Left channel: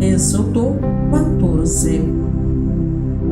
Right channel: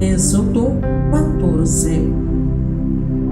Êxodo 14.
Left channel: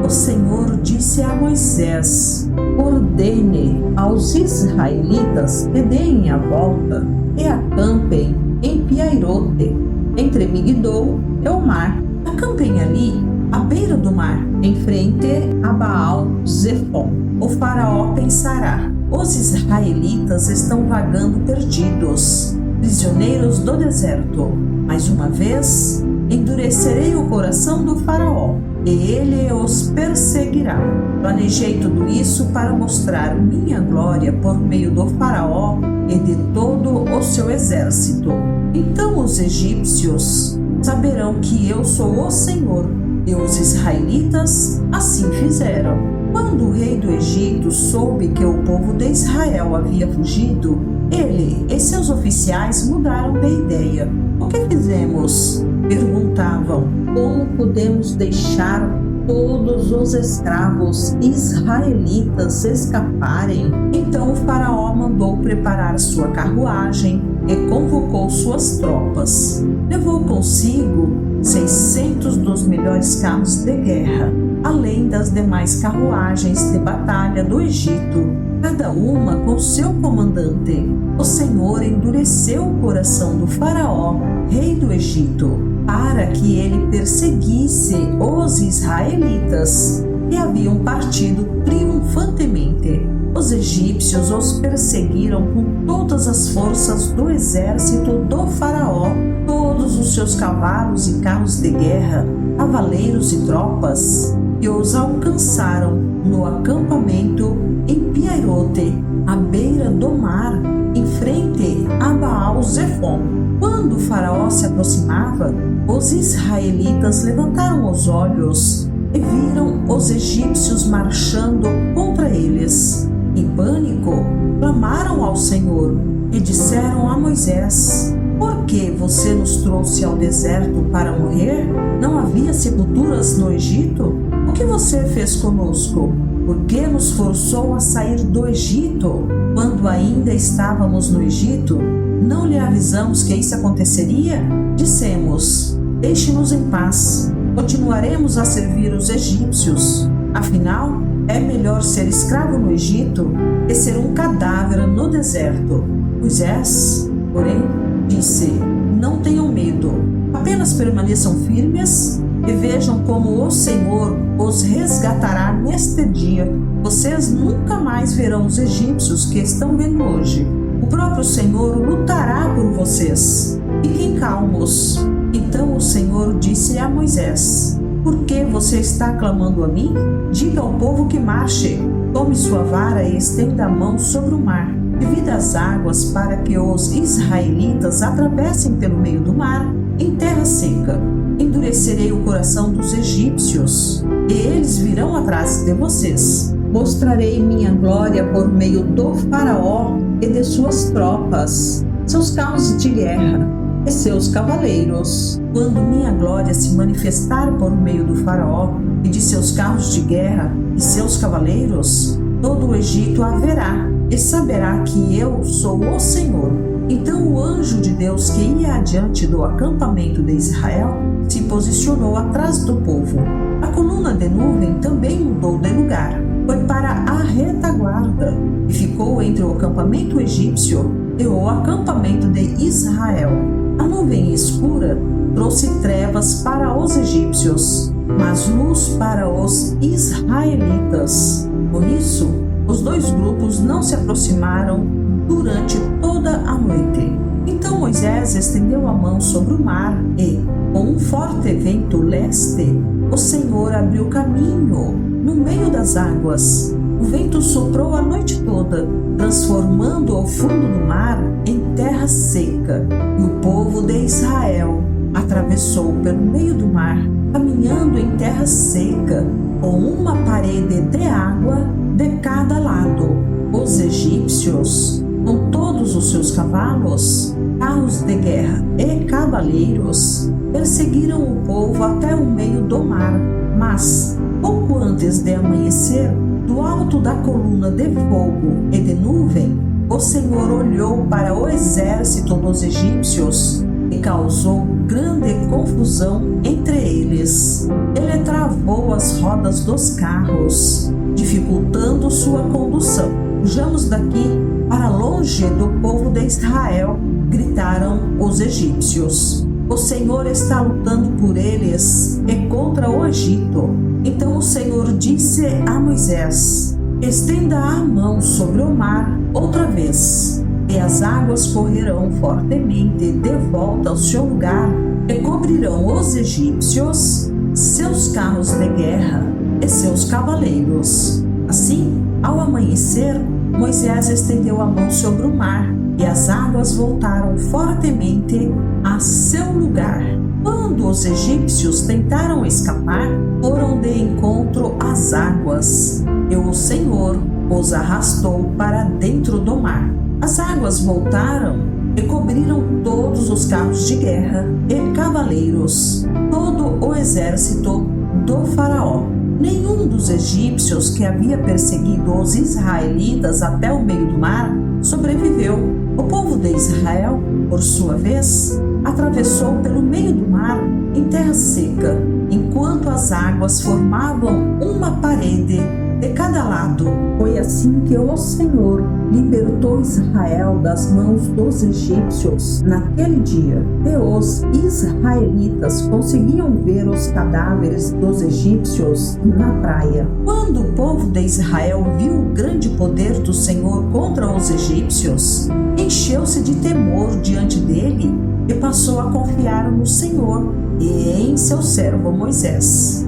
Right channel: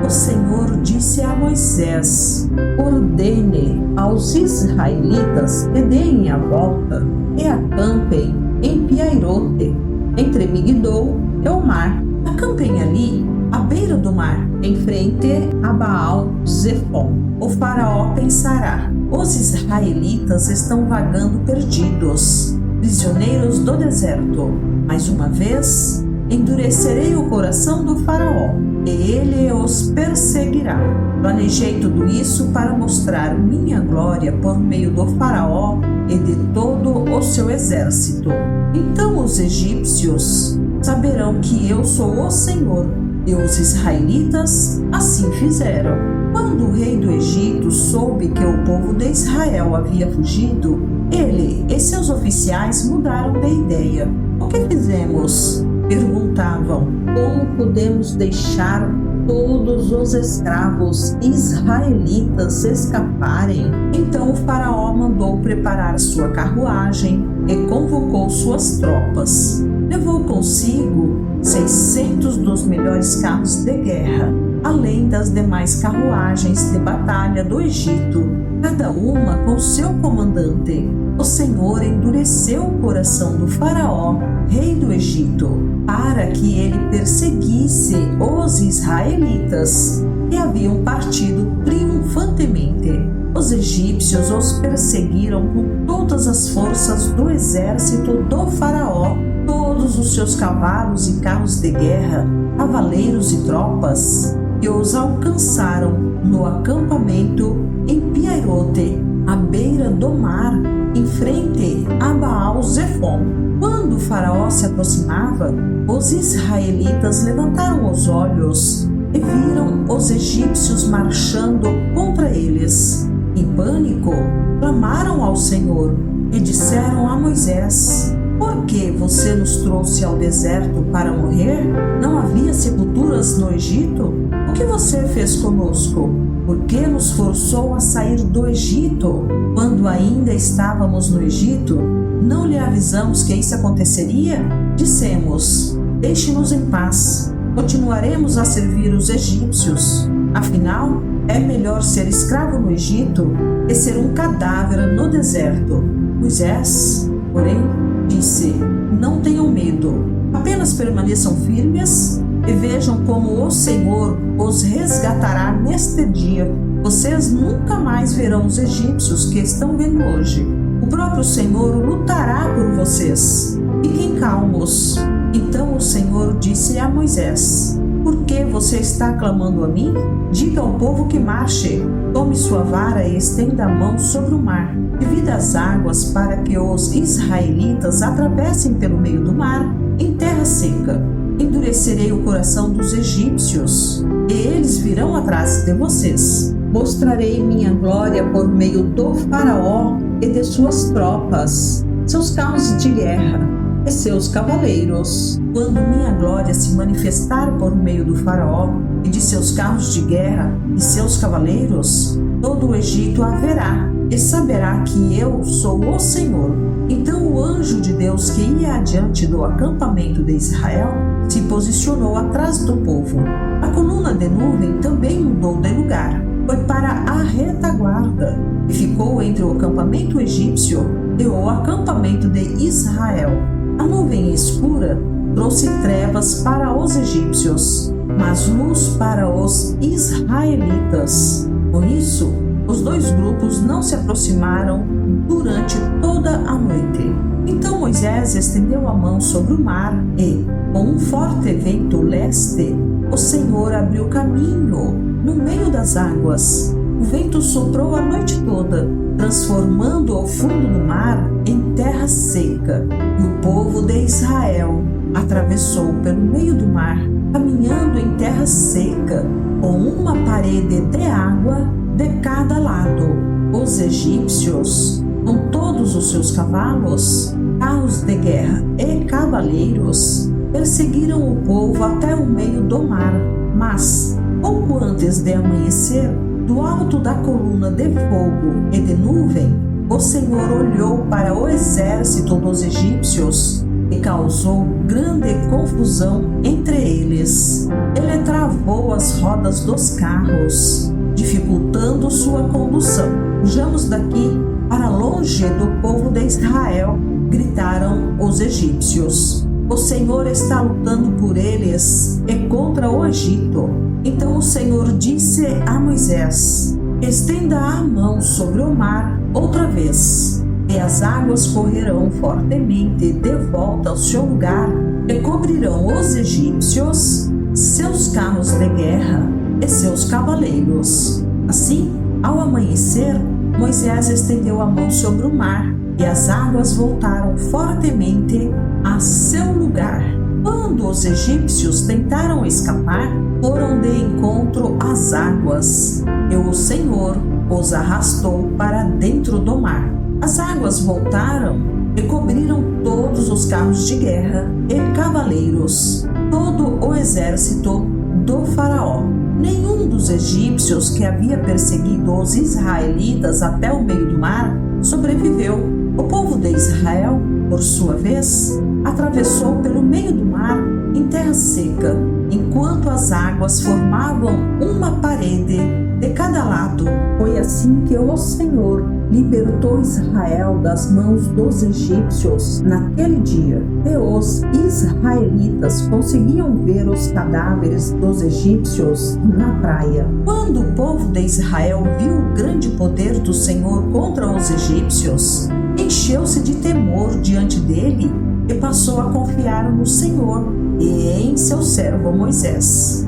O Senhor disse a Moisés: ordene aos israelitas que deem a volta e acampem em Piairote, entre Migdol e o mar. Acampem ali, à beira do mar, em frente a Baal-Zefon. O faraó pensará: os israelitas estão vagando perdidos, prisioneiros do deserto. Mais uma vez, endurecerei o coração do faraó, e ele os perseguirá. Planejei tudo isso para mostrar minha glória por meio do faraó e de todo o seu exército. Então os egípcios saberão que eu sou o Senhor, e os israelitas assim fizeram. Quando o rei do Egito soube que o povo de Israel havia fugido, ele e seus oficiais mudaram de ideia. O que fizemos? Perguntavam. Como podemos deixar todos os escravos israelitas escaparem? Então o faraó mandou preparar sua carruagem e convocou suas tropas. Levou consigo 600 dos melhores carros de guerra, além das demais carruagens de batalha do Egito, cada uma com seu comandante. O Senhor endureceu o coração do faraó, rei do Egito, para que ele perseguisse os israelitas, que haviam partido triunfantemente. Os egípcios os perseguiram com todas as forças do exército do faraó, todos os seus cavalos e carros de guerra, cavaleiros e tropas, e os alcançaram no acampamento em Piairote, à beira do mar, em frente a Baal-Zefon. Quando o faraó se aproximava, os israelitas levantaram os olhos e viram os egípcios marchando contra eles. Em pânico, clamaram ao Senhor e disseram a Moisés: por que você nos trouxe ao deserto para morrer? Não havia sepulturas no Egito? O que você fez conosco? Por que nos forçou a sair do Egito? Quando ainda estávamos no Egito, não lhe avisamos que isso aconteceria? Dissemos: deixe-nos em paz, continuaremos a servir os egípcios. Afinal, é melhor ser escravo no Egito que ser um cadáver no deserto. Moisés, porém, disse: não tenham medo, apenas permaneçam firmes e vejam como o Senhor os resgatará neste dia. Vocês nunca mais verão os egípcios que estão vendo hoje. O próprio Senhor lutará por vocês. Fiquem calmos. Então o Senhor disse a Moisés: por que você está clamando a mim? Diga ao povo que marche. Tome sua vara e estenda a mão sobre o mar. Divida as águas para que os israelitas atravessem pelo meio do mar em terra seca. Endurecerei o coração dos egípcios, e eles virão atrás de vocês. Mostrarei minha glória por meio do faraó e de suas tropas, seus carros de guerra e seus cavaleiros. Quando minha glória se manifestar por meio do faraó e de seus carros de guerra e seus cavaleiros, todo o Egito a verá e saberá que eu sou o Senhor. Então o anjo de Deus que ia adiante do acampamento de Israel se posicionou atrás do povo. A coluna de nuvem também mudou de lugar, foi para a retaguarda e ficou entre o acampamento egípcio e o acampamento de Israel. A nuvem escura trouxe trevas para os egípcios, mas luz para os israelitas. Por isso, os dois grupos não se aproximaram durante toda a noite. Então Moisés estendeu a mão sobre o mar e, com um forte vento leste, o Senhor abriu caminho no meio das águas. O vento soprou a noite toda, transformando o fundo do mar em terra seca. E o povo de Israel atravessou pelo meio do mar, caminhando em terra seca, com uma parede de água de cada lado. Os egípcios, com todos os seus cavalos, carros de guerra e cavaleiros, perseguiram o povo até o meio do mar. Mas, pouco antes de amanhecer, do alto da coluna de fogo e de nuvem, o Senhor olhou para o exército dos egípcios e causou grande confusão confusão entre eles. Ele travou as rodas dos carros, dificultando sua condução. Fujamos daqui para longe do povo de Israel, gritaram os egípcios. O Senhor está lutando por eles e contra o Egito. Então o Senhor disse a Moisés: estenda a mão sobre o mar outra vez, e as águas correrão fortemente de volta ao seu lugar e cobrirão os egípcios, seus carros de guerra e seus cavaleiros. Assim, ao amanhecer, Moisés estendeu a mão sobre o mar e as águas voltaram fortemente a seu lugar. Quando os egípcios tentaram escapar, foram de encontro às águas, e o Senhor os arrastou para dentro do mar. As águas voltaram e cobriram todos os carros de guerra e cavaleiros, todo o exército do faraó. Nenhum dos egípcios que havia perseguido os israelitas até o meio do mar sobreviveu. O povo de Israel, por sua vez, atravessou pelo meio do mar em terra seca, enquanto as águas formavam uma parede de cada lado. Foi assim que o Senhor libertou Israel das mãos dos egípcios naquele dia. E os israelitas conseguiam ver os cadáveres dos egípcios na praia. Quando o povo de Israel viu o grande poder do Senhor contra os egípcios, encheu-se de temor diante dele e passou a confiar no Senhor e em seu servo Moisés.